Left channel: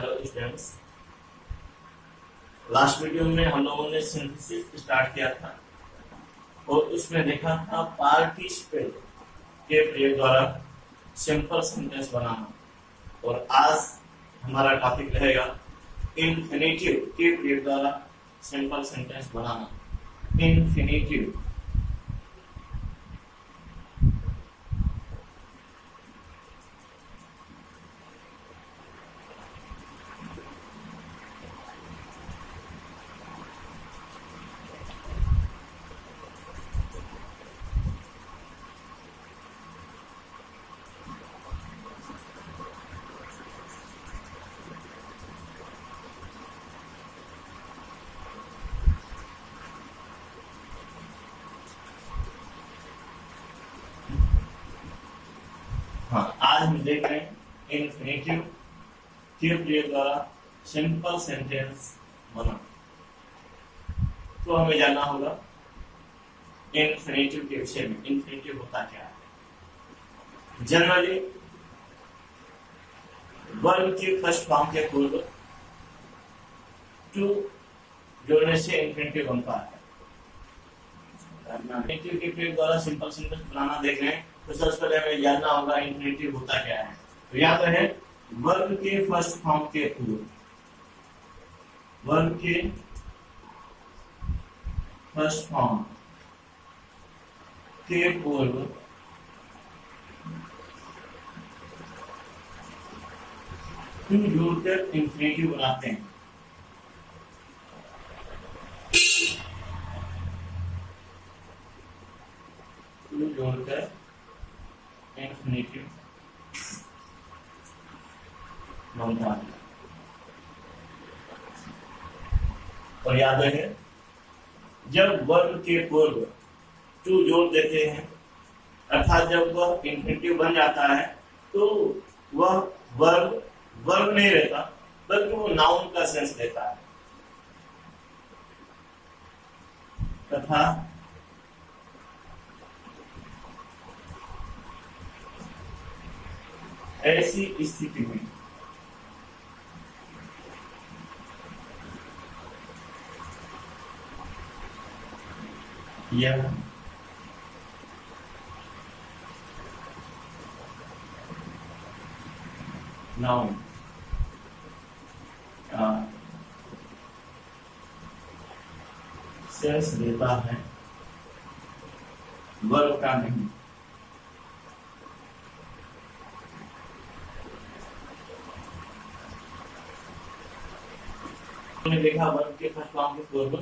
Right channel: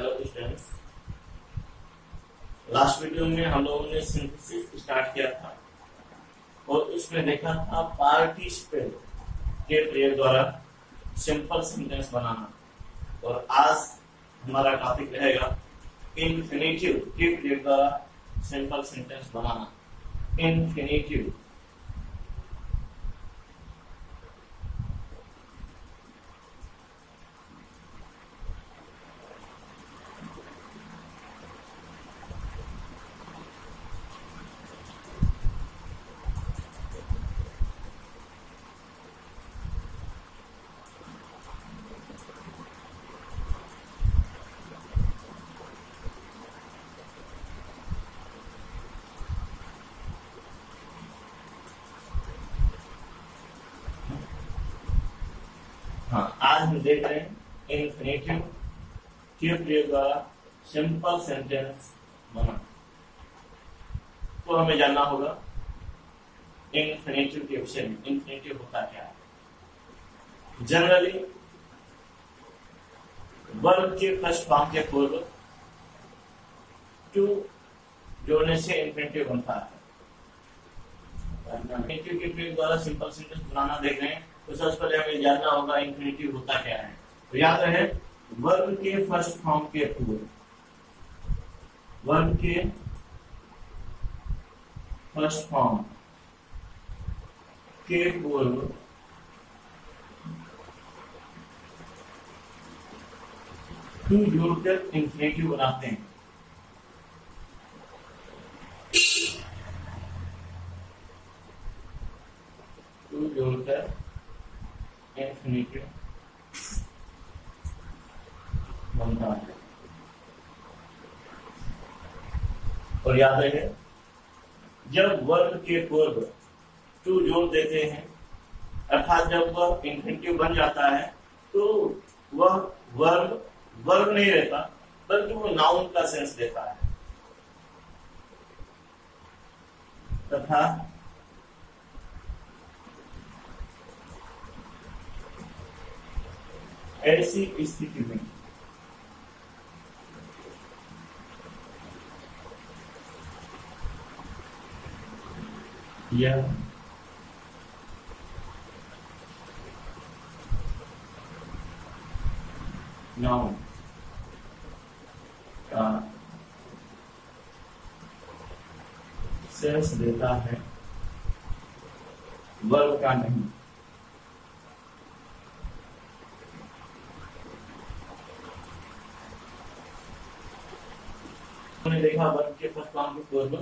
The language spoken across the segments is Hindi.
हेलो स्टूडेंट्स, लास्ट वीडियो में हम लोगों ने सिंथेसिस स्टार्ट किया था और उसमें देखा था पार्टिसिपल के प्रयोग द्वारा सिंपल सेंटेंस बनाना। और आज हमारा टॉपिक रहेगा इन्फिनेटिव के प्रयोग द्वारा सिंपल सेंटेंस बनाना। इन्फिनेटिव आज हम देख रहे हैं इन्फिनेटिव के प्रयोग द्वारा सिंपल सेंटेंस बना। तो हमें जानना होगा इन्फिनेटिव के विषय में। इन्फिनेटिव होता क्या है? जनरली वर्ब के फर्स्ट फॉर्म के पूर्व टू जोड़ने से इन्फिनेटिव बनता है। इन्फिनेटिव के प्रयोग द्वारा सिंपल सेंटेंस बनाना देख रहे हैं तो सबसे पहले हमें जानना होगा इन्फिनेटिव होता क्या है। तो याद रहे, वर्ब के फर्स्ट फॉर्म के पूर्व, वर्ब के फर्स्ट फॉर्म के पूर्व टू जोड़कर इन्फिनेटिव बनाते हैं। टू जोड़कर इन्फिनेटिव बनता है। और याद रहे, जब वर्ब के पूर्व टू जोड़ देते हैं अर्थात जब वह इन्फिनेटिव बन जाता है तो वह वर्ब नहीं रहता बल्कि वो नाउन का सेंस देता है। तथा ऐसी स्थिति में यह नाउन का सेंस देता है, वर्ब का नहीं। हमने देखा वर्ब के फर्स्ट फॉर्म के पूर्व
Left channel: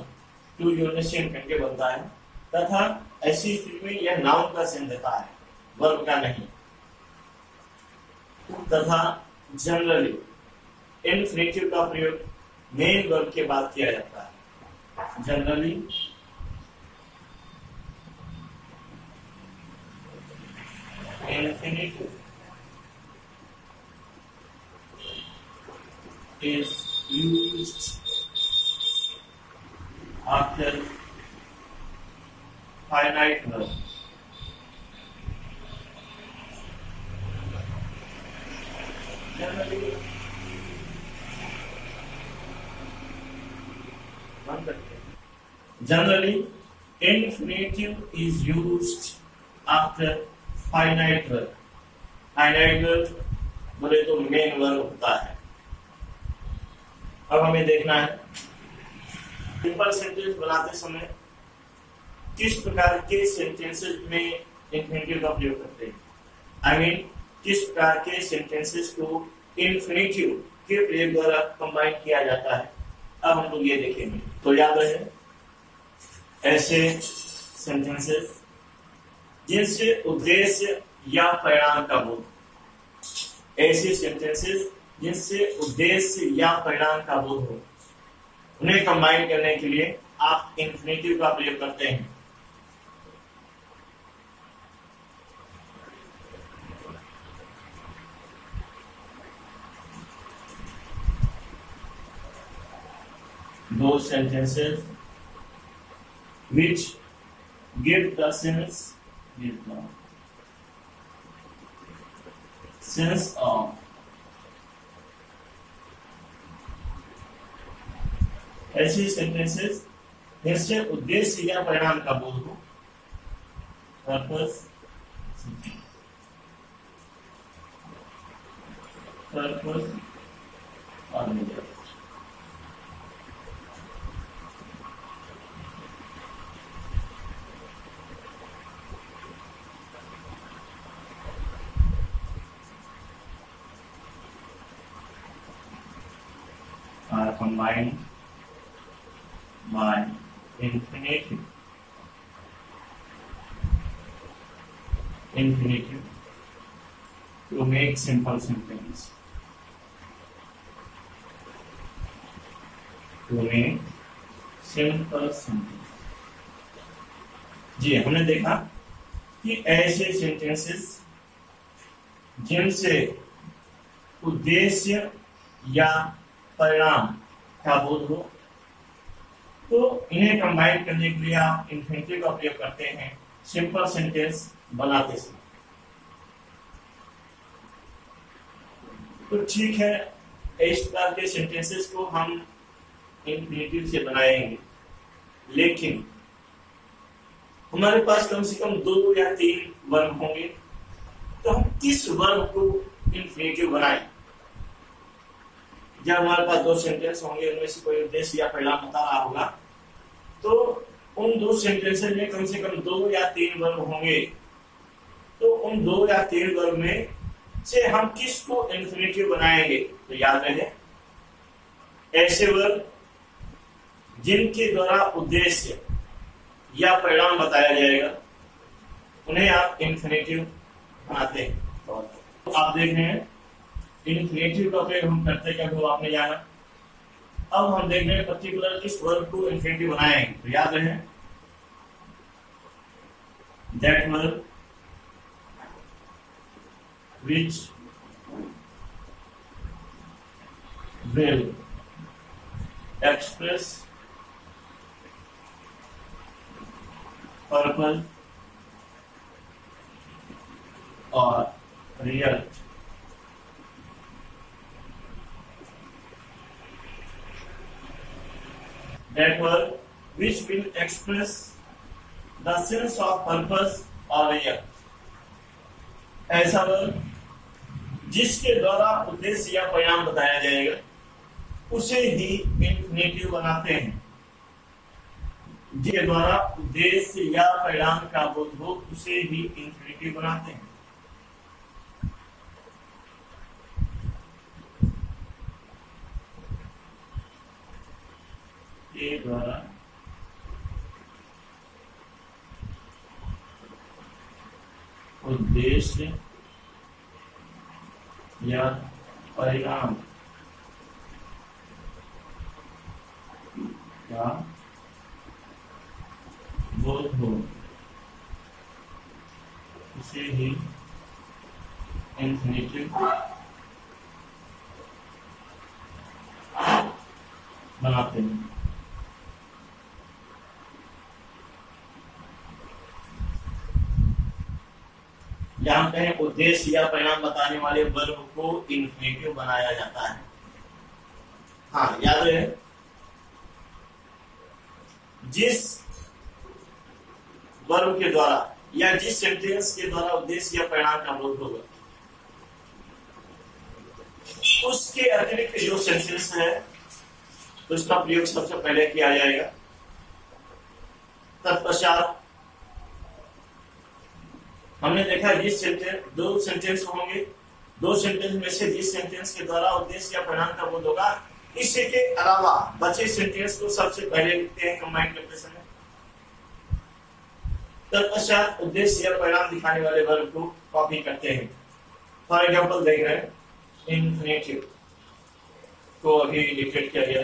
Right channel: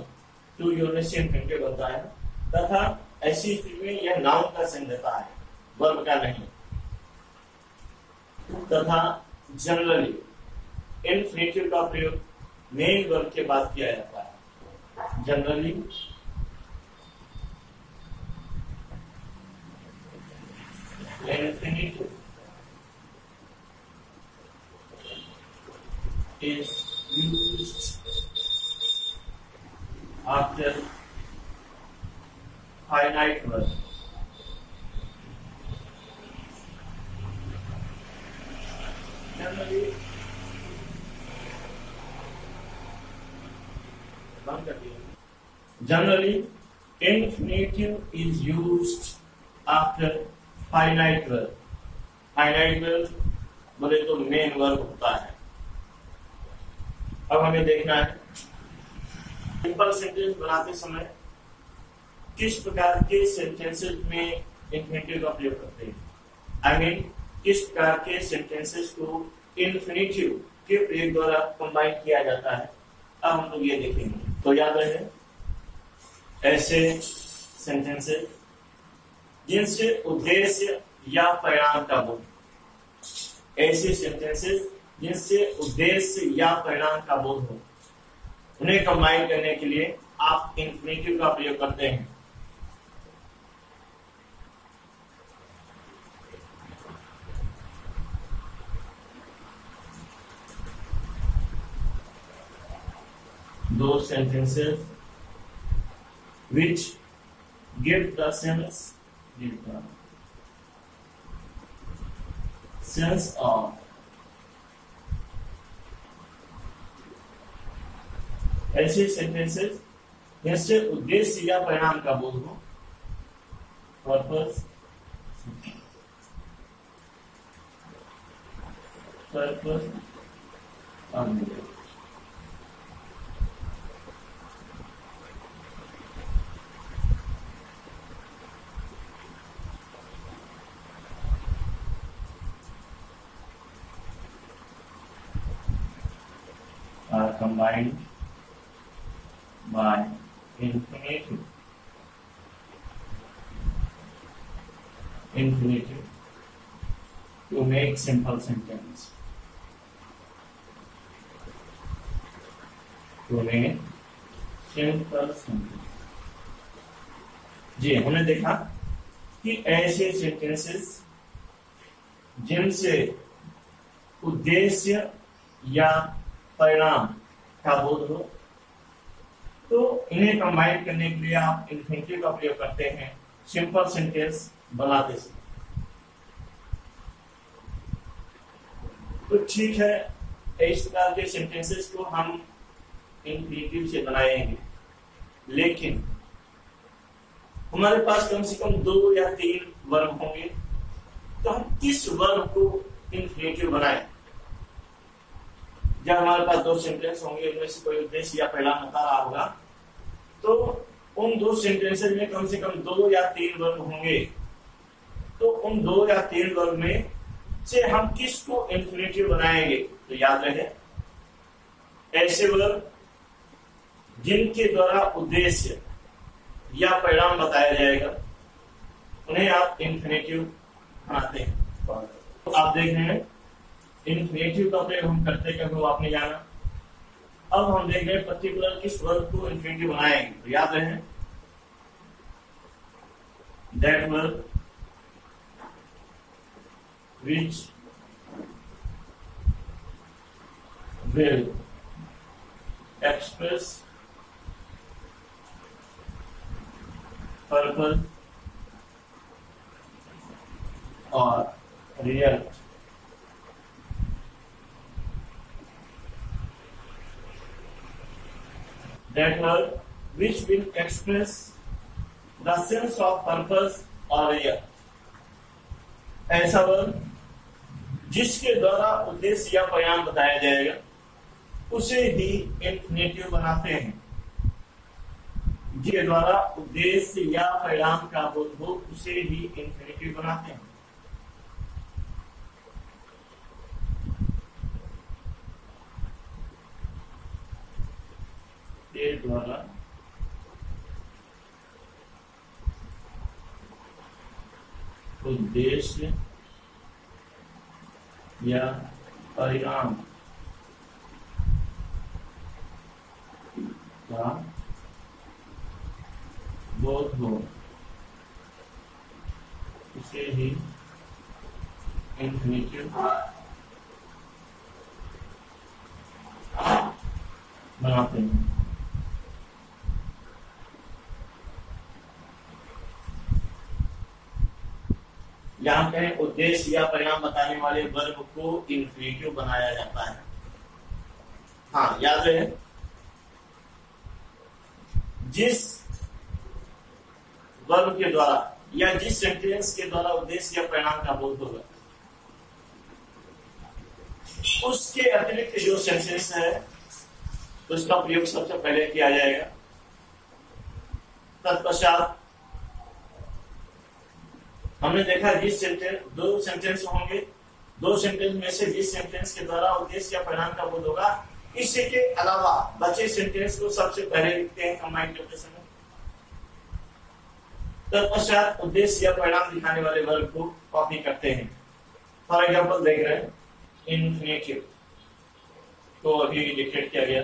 टू जोड़ने से इन्फिनेटिव बनता है तथा ऐसी स्थिति में यह नाउन का सेंस देता है, वर्ब का नहीं। तथा जनरली इन्फिनेटिव का प्रयोग मेन वर्ब के बाद किया जाता है। Generally infinitive is used after finite verb. Generally, infinitive is used after finite verb. Finite verb बोले तो मेन वर्ब होता है। अब हमें देखना है सिंपल सेंटेंस बनाते समय किस प्रकार के सेंटेंसेस में इन्फिनेटिव का प्रयोग करते हैं। आई मीन किस प्रकार के सेंटेंसेस को इन्फिनेटिव के प्रयोग द्वारा कंबाइन किया जाता है। अब हम लोग ये देखेंगे। तो याद रहे, ऐसे सेंटेंसेस जिनसे उद्देश्य या परिणाम का बोध, ऐसे सेंटेंसेस जिनसे उद्देश्य या परिणाम का बोध हो, उन्हें कंबाइन करने के लिए आप इन्फिनेटिव का प्रयोग करते हैं। Those sentences which give the sense of ऐसे सेंटेंसेस जिनसे उद्देश्य या परिणाम का बोध हो, पर्पस पर्पस और motive. Are combined by infinitive to make simple sentence. To make simple sentence. जी, हमने देखा कि ऐसे सेंटेंसेस जिनसे उद्देश्य या परिणाम का बोध हो, तो इन्हें कंबाइन करने के लिए आप इन्फिनिटिव का प्रयोग करते हैं सिंपल सेंटेंस बनाते समय। तो ठीक है, इस प्रकार के सेंटेंसेस को हम इन्फिनिटिव से बनाएंगे, लेकिन हमारे पास कम से कम 2 या 3 वर्ब होंगे, तो हम किस वर्ब को इन्फिनिटिव बनाएं? जब हमारे पास 2 सेंटेंस होंगे, उनमें से कोई उद्देश्य या परिणाम बता रहा होगा, तो उन 2 सेंटेंसेस में कम से कम 2 या 3 वर्ब होंगे। तो उन 2 या 3 वर्ब में से हम किसको इन्फिनिटिव बनाएंगे? तो याद रहे, ऐसे वर्ब जिनके द्वारा उद्देश्य या परिणाम बताया जाएगा, उन्हें आप इन्फिनिटिव बनाते हैं। तो आप देख रहे हैं इन्फिनिटिव का प्रयोग हम करते क्या, वो आपने जाना। अब हम देख रहे हैं पर्टिकुलर किस वर्ब को इन्फिनिटिव बनाएंगे। तो याद रहे, that verb which will express purpose और result. That word which will express the sense of purpose or result. ऐसा वर्ब जिसके द्वारा उद्देश्य या परिणाम बताया जाएगा, उसे ही इन्फिनिटिव बनाते हैं। जिसके द्वारा उद्देश्य या परिणाम का बोध हो, उसे ही इन्फिनिटिव बनाते हैं। के द्वारा उद्देश्य या परिणाम का बोध हो, इसे ही इन्फिनिटिव बनाते हैं। जहां पे उद्देश्य या परिणाम बताने वाले वर्ब को इन्फिनिटिव बनाया जाता है। हाँ, याद रहे, जिस वर्ब के द्वारा या जिस सेंटेंस के द्वारा उद्देश्य या परिणाम का बोध होगा, उसके अतिरिक्त जो सेंटेंस है उसका प्रयोग सबसे पहले किया जाएगा। तत्पश्चात हमने देखा जिस सेंटेंस 2 सेंटेंस होंगे, 2 सेंटेंस में से जिस सेंटेंस के द्वारा उद्देश्य या परिणाम का बोध होगा, इसके अलावा बचे सेंटेंस को सबसे पहले लिखते हैं कंबाइन करते समय। तत्पश्चात उद्देश्य या परिणाम दिखाने वाले वर्ब को कॉपी करते हैं। फॉर एग्जाम्पल देख रहे हैं, इन्फिनिटिव को अभी डिक्लेयर किया गया।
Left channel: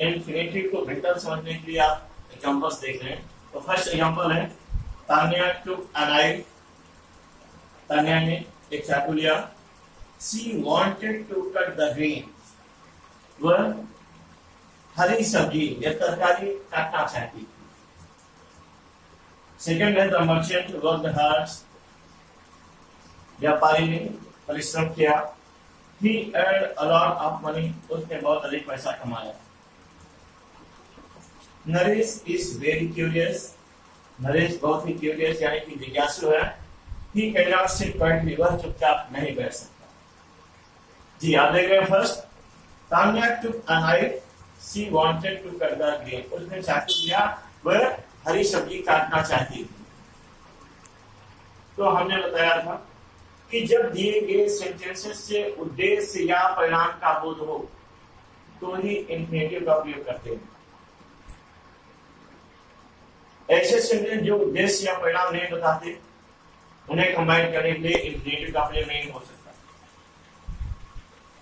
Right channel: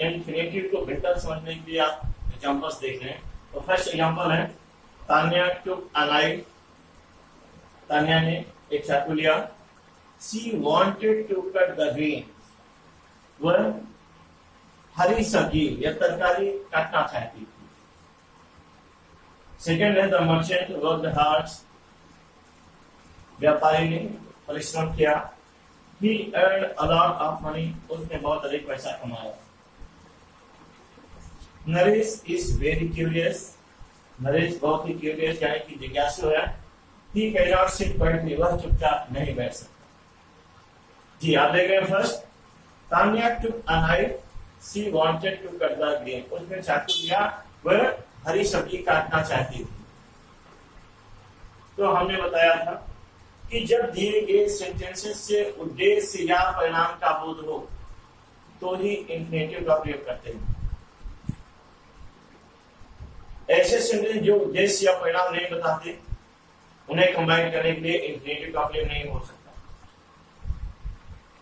इन्फिनिटिव को बेहतर समझने के लिए आप एग्जाम्पल्स देख रहे हैं। तो फर्स्ट एग्जाम्पल है, Tanya took a knife. Tanya ने एक चाकू लिया। She wanted to cut the green. वह हरी सब्जी या तरकारी काटना चाहती थी। सेकेंड है, द मर्चेंट वर्कड हार्ड। व्यापारी ने परिश्रम किया। He earned a lot of money। उसने बहुत अधिक पैसा कमाया। Naresh is very curious. Naresh बहुत ही क्यूरियस यानी कि जिज्ञासु है। He can not sit quietly, वह चुपचाप नहीं बैठ सकता। जी आप देख रहे हैं first, Tanya took a knife, she wanted to cut the green. उसने चाकू लिया, वह हरी सब्जी काटना चाहती थी। तो हमने बताया था कि जब दिए गए सेंटेंसेस से उद्देश्य या परिणाम का बोध हो तो ही इंफिनिटिव का प्रयोग करते हैं। ऐसे सेंटेंस जो उद्देश्य या परिणाम नहीं बताते उन्हें कंबाइन करने के लिए इंफिनिटिव का प्रयोग नहीं हो सकता।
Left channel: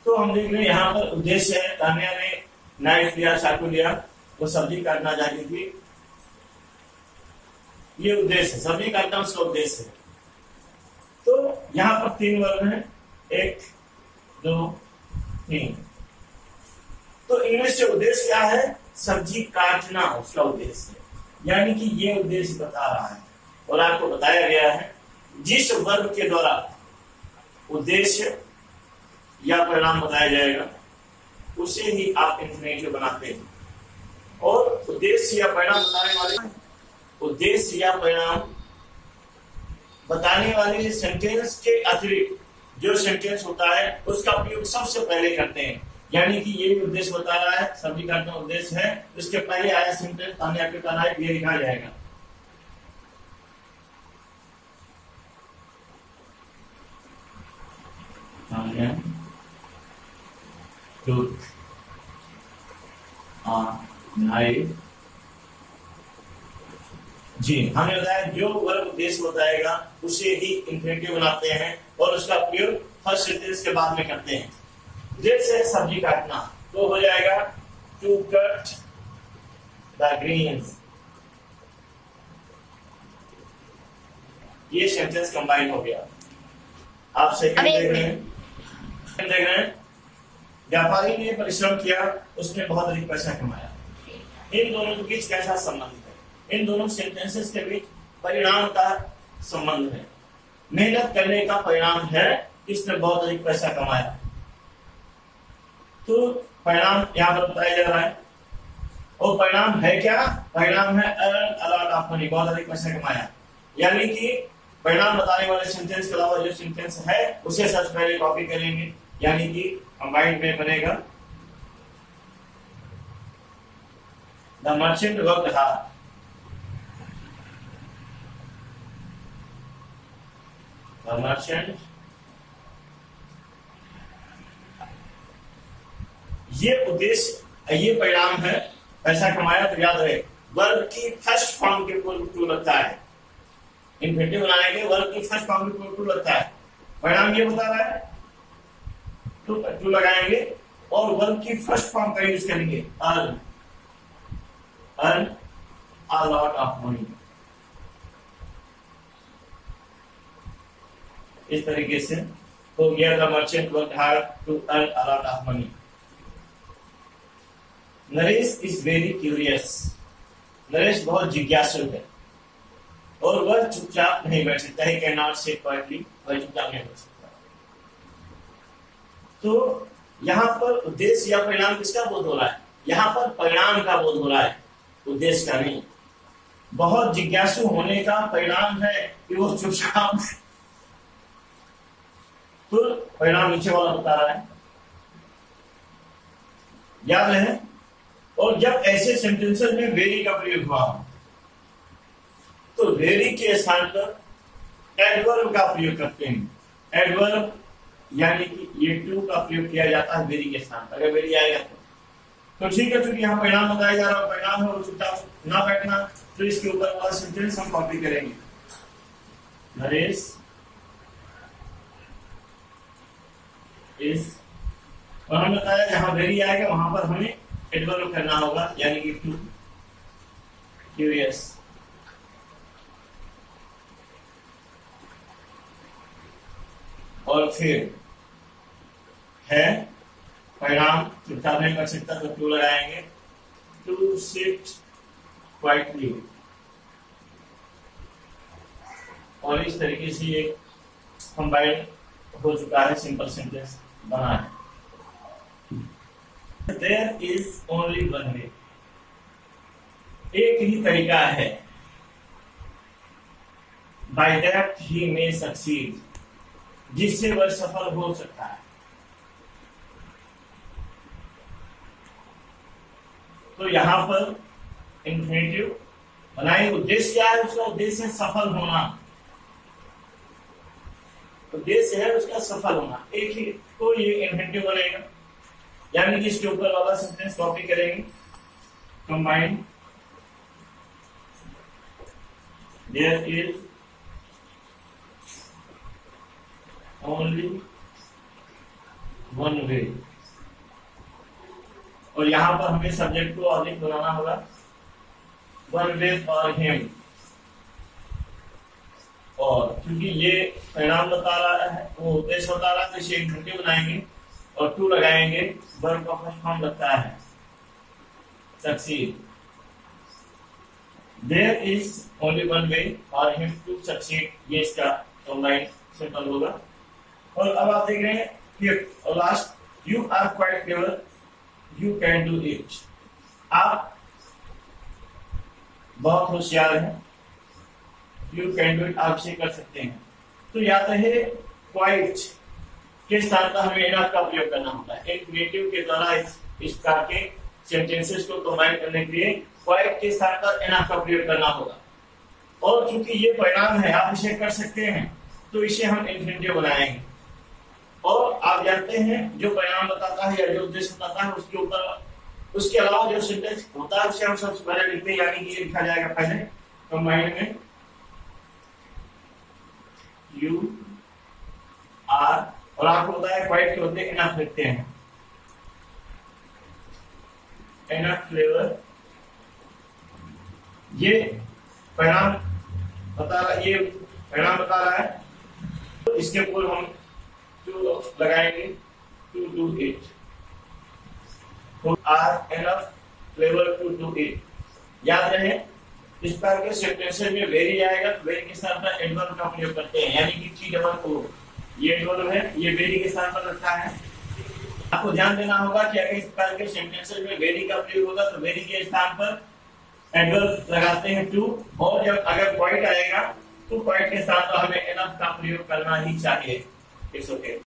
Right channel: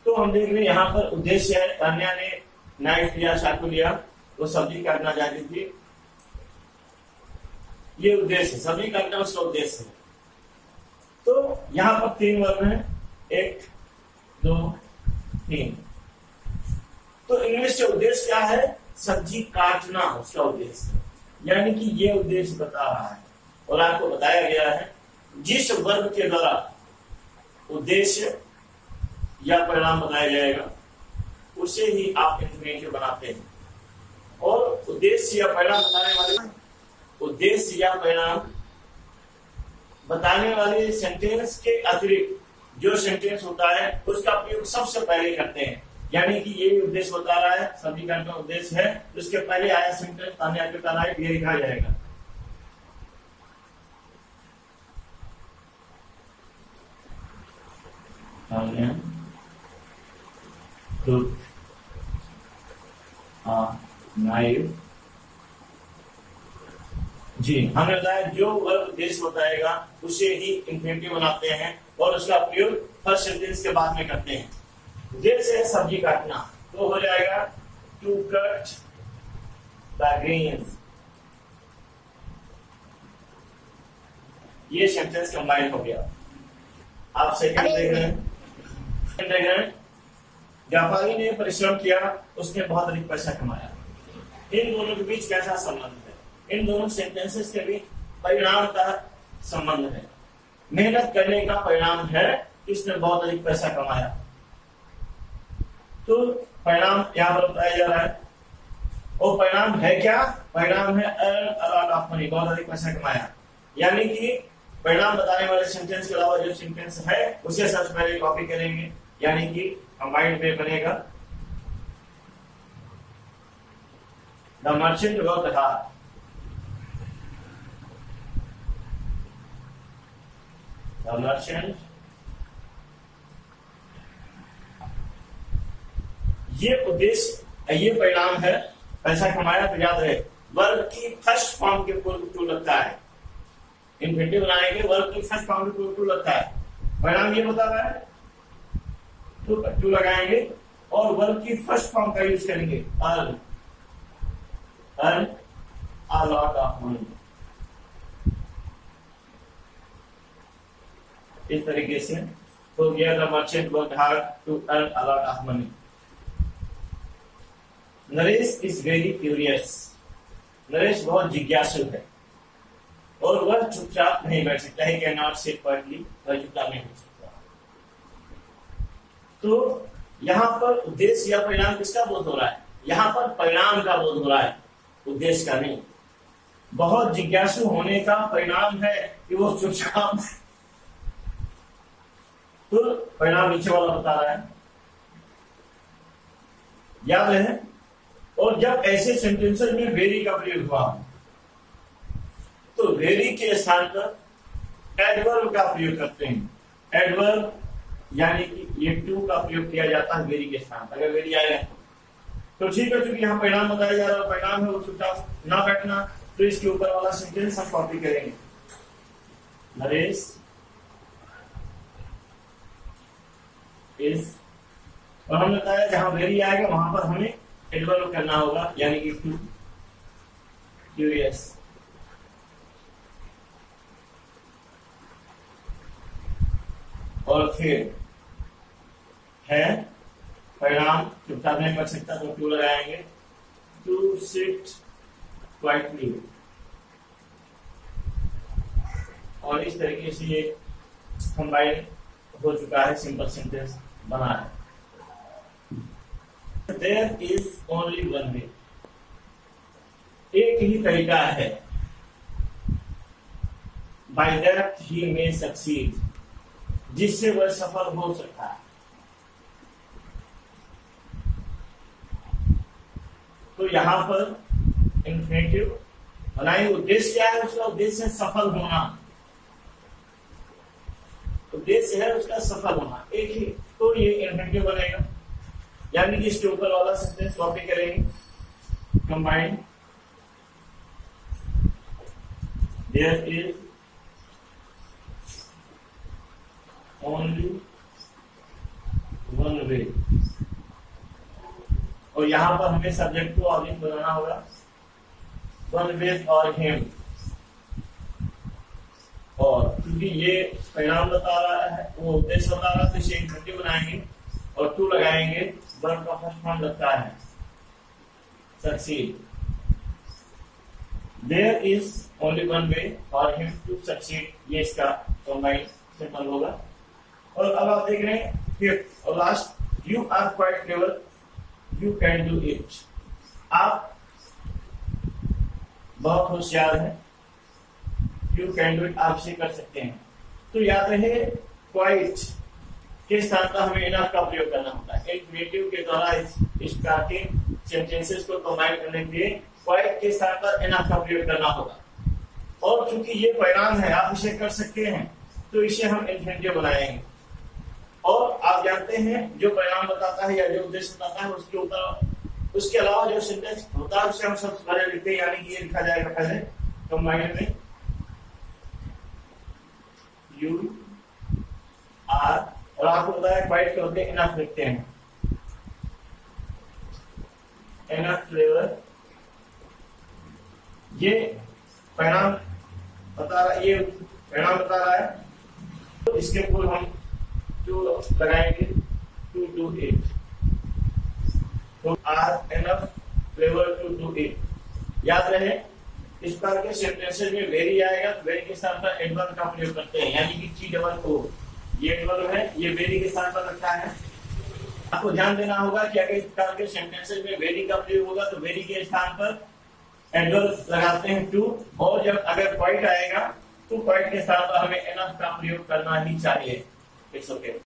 तो हम देख रहे हैं यहाँ पर उद्देश्य है, तान्या ने नाइफ लिया, चाकू लिया, वो सब्जी काटना चाहती थी। ये उद्देश्य है, सब्जी काटना उसका उद्देश्य है। तो यहां पर 3 वर्ग हैं, 1 2 3। तो इंग्लिश से उद्देश्य क्या है? सब्जी काटना उसका उद्देश्य है, यानी कि ये उद्देश्य बता रहा है। और आपको बताया गया है जिस वर्ग के द्वारा उद्देश्य या परिणाम बताया जाएगा उसे ही आप इंफिनिटिव बनाते हैं। और उद्देश्य या परिणाम बताने वाले, उद्देश्य या परिणाम बताने वाले सेंटेंस के अतिरिक्त जो सेंटेंस होता है उसका प्रयोग सबसे पहले करते हैं। यानी कि ये भी उद्देश्य बता रहा है, सब्जी काटना उद्देश्य है, उसके पहले आया sentence Tanya took a knife, ये लिखा जाएगा। Tanya took a knife. जी हमने बताया जो वर्ब उद्देश्य बताएगा उसे ही इंफिनिटिव बनाते हैं और उसका प्रयोग फर्स्ट सेंटेंस के बाद में करते हैं। उद्देश्य है सब्जी काटना, तो हो जाएगा टू कट द ग्रीन्स। ये सेंटेंस कंबाइन हो गया। आप सेकंड देख रहे हैं, व्यापारी ने परिश्रम किया, उसने बहुत अधिक पैसा कमाया। इन दोनों के बीच कैसा संबंध है? इन दोनों सेंटेंसेस के बीच परिणाम का संबंध है। मेहनत करने का परिणाम है इसने बहुत अधिक पैसा कमाया। तो परिणाम यहां पर बताया जा रहा है। और परिणाम है क्या? परिणाम है earn a lot of money, बहुत अधिक पैसा कमाया। यानी कि परिणाम बताने वाले सेंटेंस के अलावा जो सेंटेंस है उसे सबसे पहले कॉपी करेंगे, यानी कि कंबाइंड में बनेगा the merchant worked hard. The merchant, ये उद्देश्य, ये परिणाम है, पैसा कमाया। तो याद रहे वर्ब की फर्स्ट फॉर्म के पूर्व टू लगता है। इंफिनिटिव बनाएंगे वर्ब की फर्स्ट फॉर्म के पूर्व टू लगता है। परिणाम ये बता रहा है, टू लगाएंगे और वर्ब की फर्स्ट फॉर्म का यूज करेंगे, earn a lot of money. इस तरीके से तो गया the merchant worked hard to earn a lot of money. Naresh is very curious. Naresh बहुत जिज्ञासु है और वह चुपचाप नहीं बैठ सकता है, कैन नॉट सिट क्वाइटली, वह चुपचाप नहीं बैठ सकता। तो यहां पर उद्देश्य या परिणाम किसका बोध हो रहा है? यहां पर परिणाम का बोध हो रहा है, उद्देश्य का नहीं। बहुत जिज्ञासु होने का परिणाम है कि वो चुपचाप, तो परिणाम नीचे वाला बता रहा है, याद रहे। और जब ऐसे सेंटेंसेस में वेरी का प्रयोग हुआ तो वेरी के स्थान पर एडवर्ब का प्रयोग करते हैं। एडवर्ब यानी कि ये टू का प्रयोग किया जाता है वेरी के स्थान पर। अगर वेरी आएगा तो ठीक है, चूंकि यहाँ परिणाम बताया जा रहा है, परिणाम है चुपचाप ना बैठना, तो इसके ऊपर वाला सेंटेंस हम कॉपी करेंगे। नरेश इस, और हमने बताया जहां वेरी आएगा वहां पर हमें एडवर्ब करना होगा, यानी कि टू क्यूरियस। और फिर है परिणाम, चुपचाप नहीं कर सकता तो टू लगाएंगे, टू सिट क्वाइटली। और इस तरीके से एक कंबाइंड हो चुका है, सिंपल सेंटेंस बना है। There is only one way. एक ही तरीका है, by that he may succeed, जिससे वह सफल हो सकता है। तो यहां पर इन्फिनेटिव बनाएंगे। उद्देश्य क्या है उसका? उद्देश्य है सफल होना। उद्देश्य है उसका सफल होना। एक ही तो ये इन्फिनेटिव बनेगा, यानी कि इसके ऊपर वाला सेंटेंस कॉपी करेंगे। Combined there is only one way, और यहां पर हमें सब्जेक्ट को ऑब्जेक्ट बनाना होगा। वन वे फॉर हिम, और क्योंकि ये परिणाम बता रहा है, वो उद्देश्य बता रहा है, तो इसे इन्फिनेटिव बनाएंगे और टू लगाएंगे। वर्ब का फर्स्ट फॉर्म लगता है succeed. There is only one way for him to succeed, ये इसका कंबाइंड सिंपल होगा। और अब आप देख रहे हैं फिफ्थ और last, you are quite clever, you can do it. आप बहुत होशियार हैं, यू कैन डू इट, आप इसे कर सकते हैं। तो याद रहे क्वाइट के स्थान पर हमें इनफ का प्रयोग करना होता है। इन्फिनेटिव के द्वारा इस प्रकार के सेंटेंसेस को कंबाइन करने के लिए क्वाइट के स्थान पर इनफ का प्रयोग करना होगा। और चूंकि ये परिणाम है, आप इसे कर सकते हैं, तो इसे हम इन्फिनेटिव बनाएंगे। और आप जानते हैं जो परिणाम बताता है या जो उद्देश्य बताता है, उसके ऊपर उसके अलावा जो सेंटेंस होता है उसे हम सबसे पहले लिखते हैं, यानी कि ये लिखा जाएगा पहले कंबाइंड में यू आर, और आपको पता है क्वाइट के होते इनफ लिखते हैं। इनफ फ्लेवर, ये परिणाम बता रहा है, ये परिणाम बता रहा है, तो इसके ऊपर हम टू लगाएंगे, टू डू इट। तो are enough flavour to do it. याद रहे इस प्रकार के सेंटेंसेस में वेरी आएगा, तो वेरी के स्थान पर एडवर्ब का प्रयोग करते हैं, यानी कि टी डबल ओ, ये एडवर्ब है, ये वेरी के स्थान पर रखा है। आपको ध्यान देना होगा कि अगर इस प्रकार के सेंटेंसेस में वेरी का प्रयोग होगा तो वेरी के स्थान पर एडवर्ब लगाते हैं टू, और जब अगर क्वाइट आएगा तो क्वाइट के स्थान पर हमें इनफ का प्रयोग करना ही चाहिए। It's okay.